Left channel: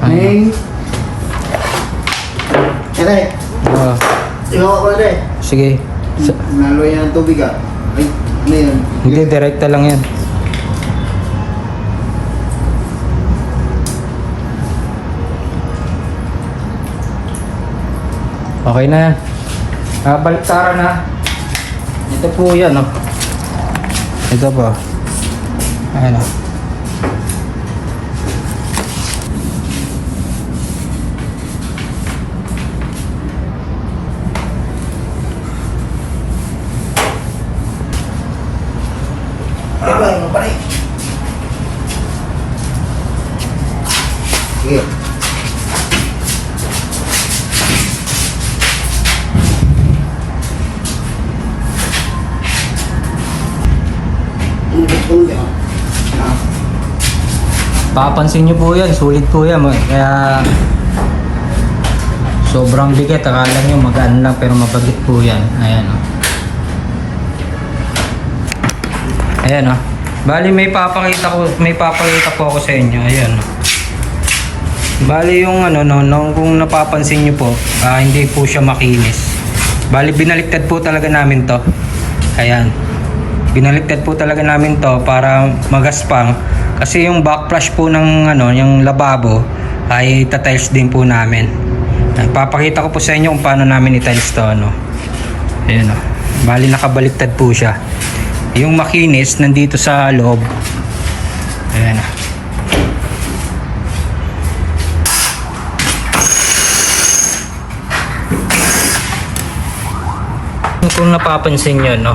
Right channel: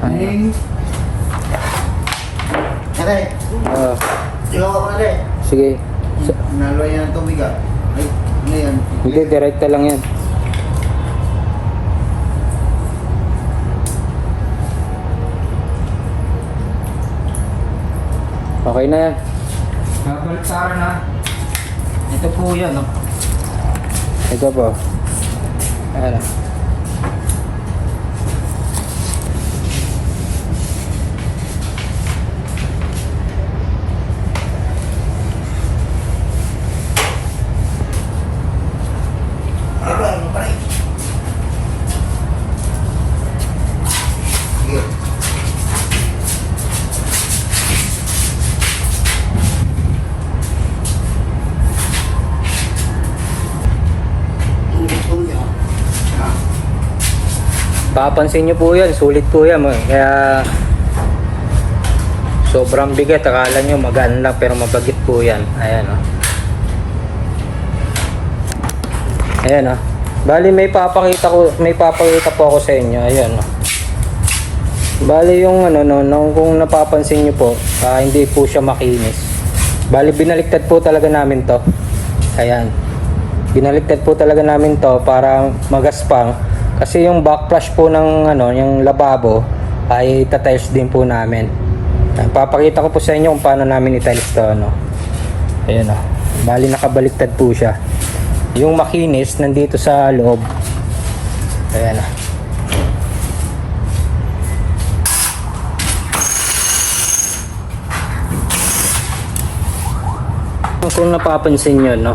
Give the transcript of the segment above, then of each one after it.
Neng. Aray. Oh, Ikaw ako aray. sige. Naloy yan ng tubig ah. Ay, ano yan? Hindi, direkta lang yan. Okay na yan. Baliktaran na. Ito po yan, oh. Ito po. Ayan, oh. Ano ba rin? Sige. Papansin nyo po yan, sulit po yan. Kaya sobrang bigat. Akala nyo magaan lang pero mabagit po yan. Ayan, oh. Ayan, oh. Bali may papakita po ako sa inyo. Ayan, oh. Bali yung ano no, kung napapansin nyo po, hindi po siya makinis. Bali binaliktad po talaga namin to. Ayan. Binaliktad po talaga namin to para magaspang. Kasi yung backflush po ng ano, yung lababo ay tatiles din po namin. Papakita ko po sa inyo kung paano namin i-tiles to, ano. Ayan, oh. Bali nakabaliktad po siya. Yung makinis nandito sa loob. Ayan, oh. Kung napapansin nyo, no,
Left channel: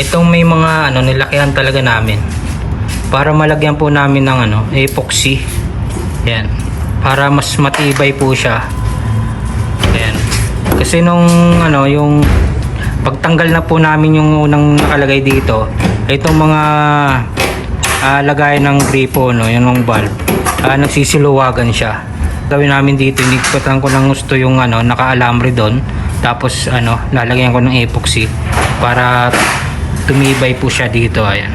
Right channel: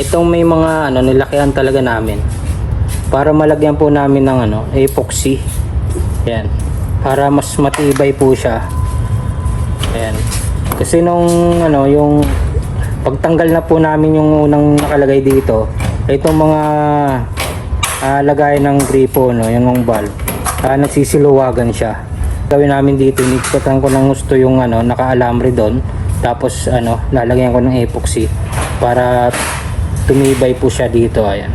itong may mga ano, nilakihan talaga namin para malagyan po namin ng ano, epoxy. Yan, para mas matibay po siya. Yan, kasi nung ano, yung pagtanggal na po namin yung unang nakalagay dito, itong mga lagayan ng gripo, no, yung valve, nagsisiluwagan siya. Gawin namin dito, inigpatan ko ng gusto yung ano, naka-alambre doon. Tapos ano, lalagyan ko ng epoxy para tumibay po siya dito. Ayan.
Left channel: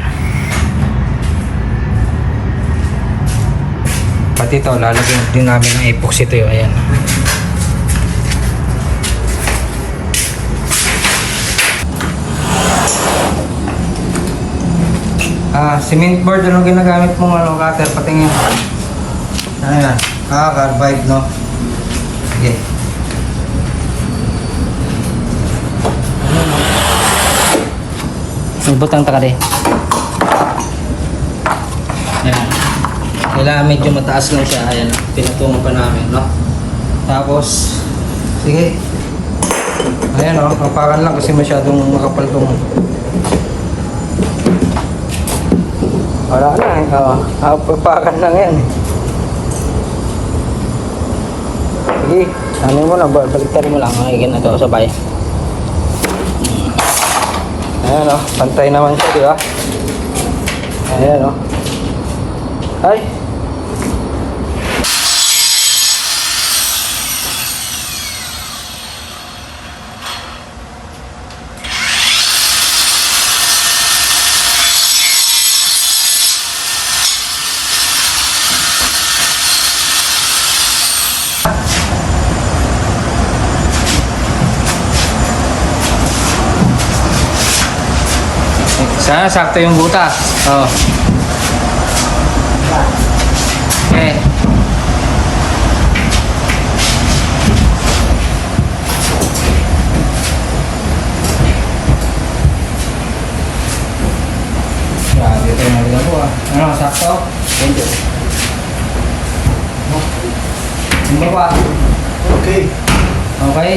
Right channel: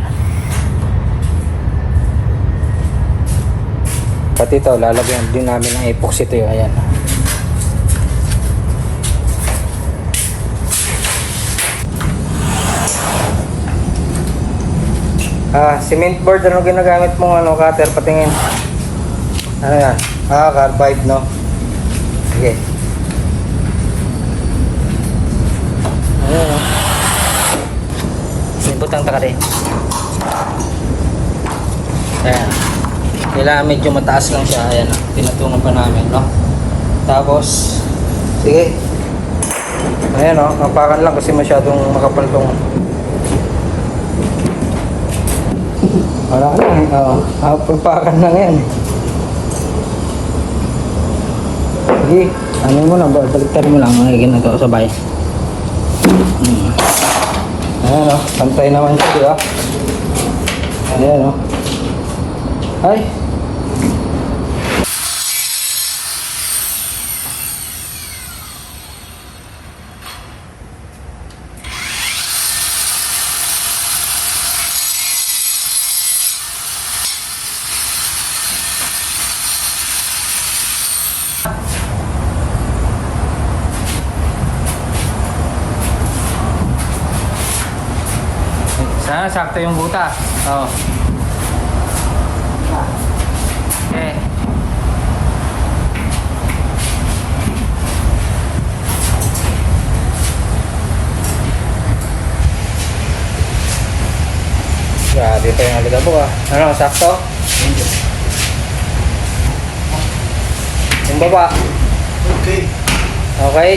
Pati ito, lalagyan din namin ng epoxy ito. Ayan. Cement board, anong ginagamit mong ano, cutter? Patingin. Ano yan? Carbide, no? Sige. Ibutang takari. Ayan. Kailangan medyo mataas lang siya. Ayan. Pinatungan pa namin, no? Tapos, sige. Ayan, no? Kapakan lang kasi masyadong makapal tong. Wala. Kapakan lang yan. Sige. Ano mo na? Baliktad mo lang. Ngayon na ito sabay. Ayan, bantay naman ito, di ba? Ayan, o. Ay! Sana sakto yung butas. Oh. Okay. Grabe pa yung haliga po ah. Ano, sakto? Thank you. Yung baba. Okay. Okay?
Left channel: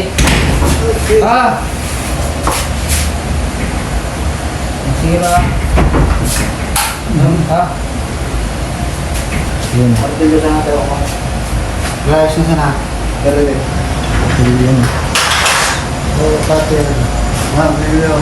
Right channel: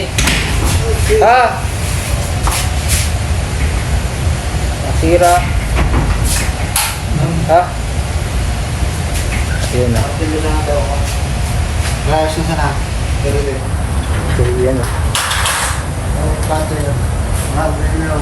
Okay. Sira. Ha? Yun na. Pagpili na natin ako. Guys, yun sana. Pero din. Yun na. Oh, cutter. Mga video.